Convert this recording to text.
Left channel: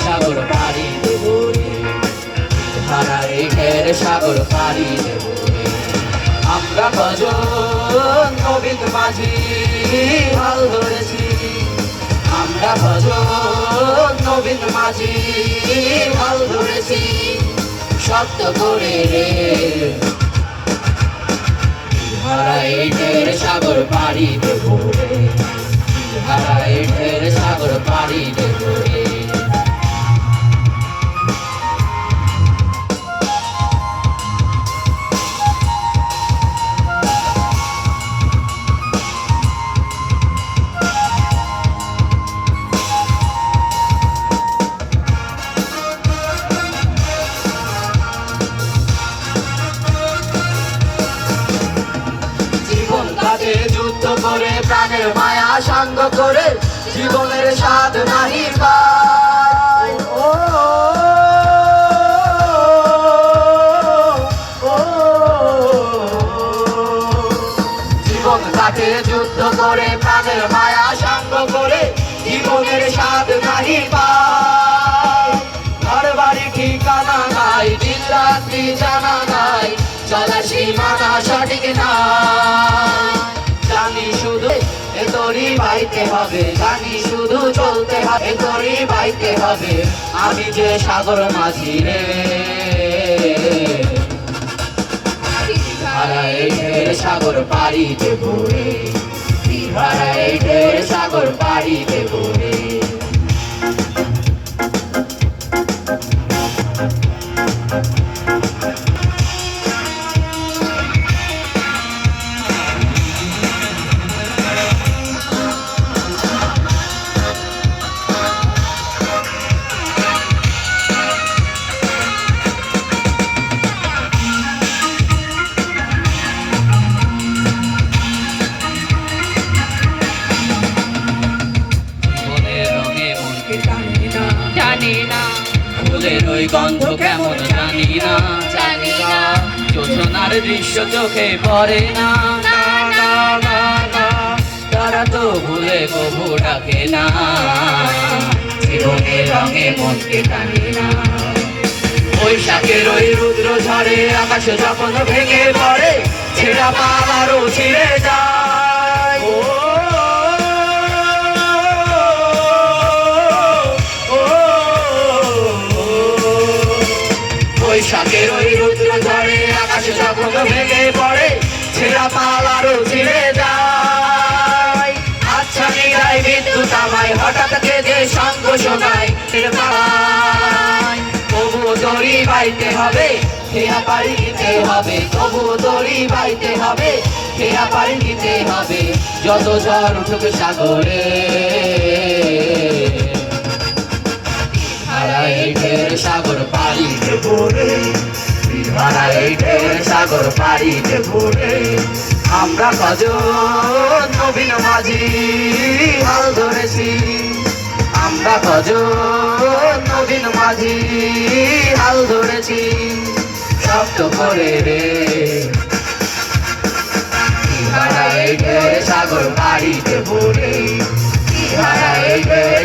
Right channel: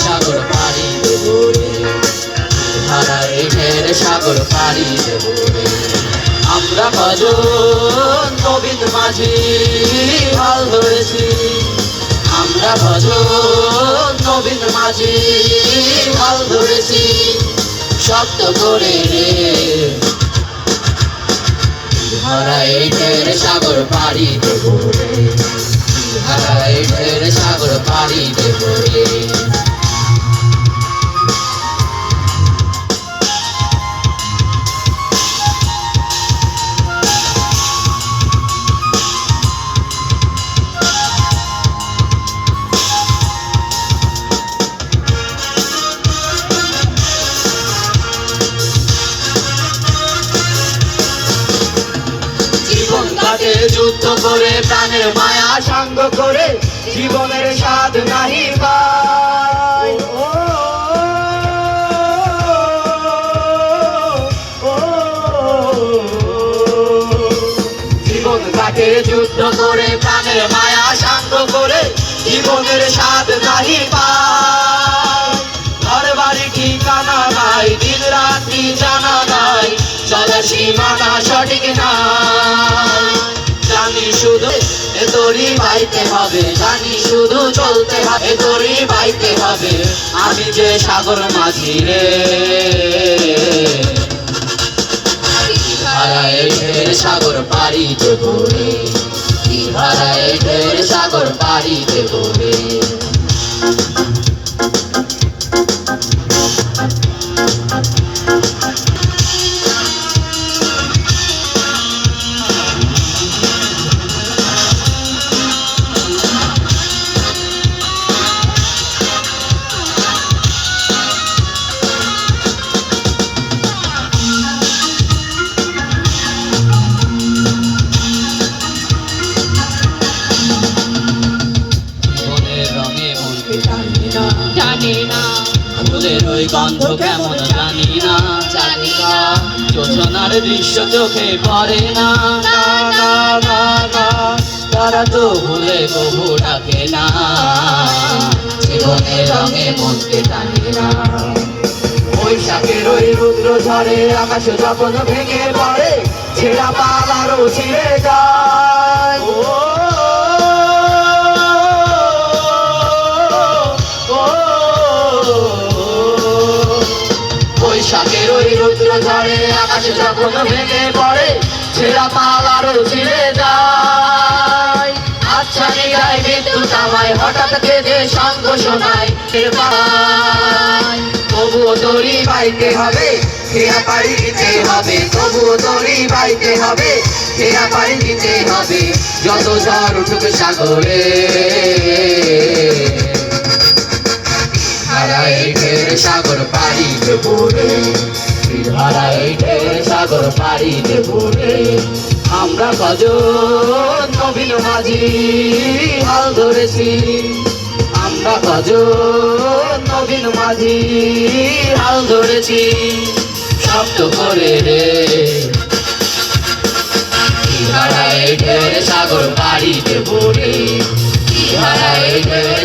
সাগর পাড়ি দেব রে, হারাই ঢের সাগর পাড়ি দেব রে। আমরা ভজন নবীন মাঝি হাল ধরেছি, আমরা ভজন নবীন মাঝি হাল ধরেছি শক্ত করে রে। হারাই ঢের সাগর পাড়ি দেব রে, হারাই ঢের সাগর পাড়ি দেব রে। যুদ্ধ করে প্রাণের মায়া সাঙ্গ করে জীবনের স্বাদ নাহি পায়। ও জীবন কাটে যুদ্ধ করে প্রাণের মায়া সাঙ্গ করে জীবনের স্বাদ নাহি পায়। ঘর বাড়ি ঠিকানা নাই, দিন রাত্রি জানা নাই, চলার সীমানা সঠিক নাই। জানি শুধু তোরই বাইতে হবে, জানি শুধু চলতে হবে তোরই বাইতে হবে। আমি যে সাগর মাঝি রে, হারাই ঢের সাগর পাড়ি দেব রে, হারাই ঢের সাগর পাড়ি দেব রে। জানি না ফুলের ওই গন্ধ কেমন জানি না, জানি না যোজনার দৃশ্য চোখে পড়ে না। তারা তো ভুলে কবু ডাকে না, জীবনের রঙে মনকে টানি না। বৈশাখের ওই রুদ্র ঝড়ে আকাশ যখন ভেঙে পড়ে, ছেঁড়া পাবারও ছিঁড়ে যায়। বৈশাখের ওই রুদ্র ঝড়ে আকাশ যখন ভেঙে পড়ে, ছেঁড়া পালারও ছিঁড়ে যায়। আচ্ছা নিরায় বিদ্যুৎ আমায় হঠাৎ কেঁদে সঙ্গ শোনায়, তবুও তোরই বাইতে হবে, খেয়া পাড়ি দিতে হবে, তবুও তোরই বাইতে হবে, খেয়া পাড়ি দিতে হবে। যত ঝড় উঠুক সাগরে, হারাই ঢের সাগর পাড়ি দেব রে, হারাই ঢের সাগর পাড়ি দেব রে। আমরা ভজন নবীন মাঝি হাল ধরেছি, আমরা ভজন নবীন মাঝি হাল ধরেছি শক্ত করে রে। হারাই ঢের সাগর পাড়ি দেব রে, হারাই ঢের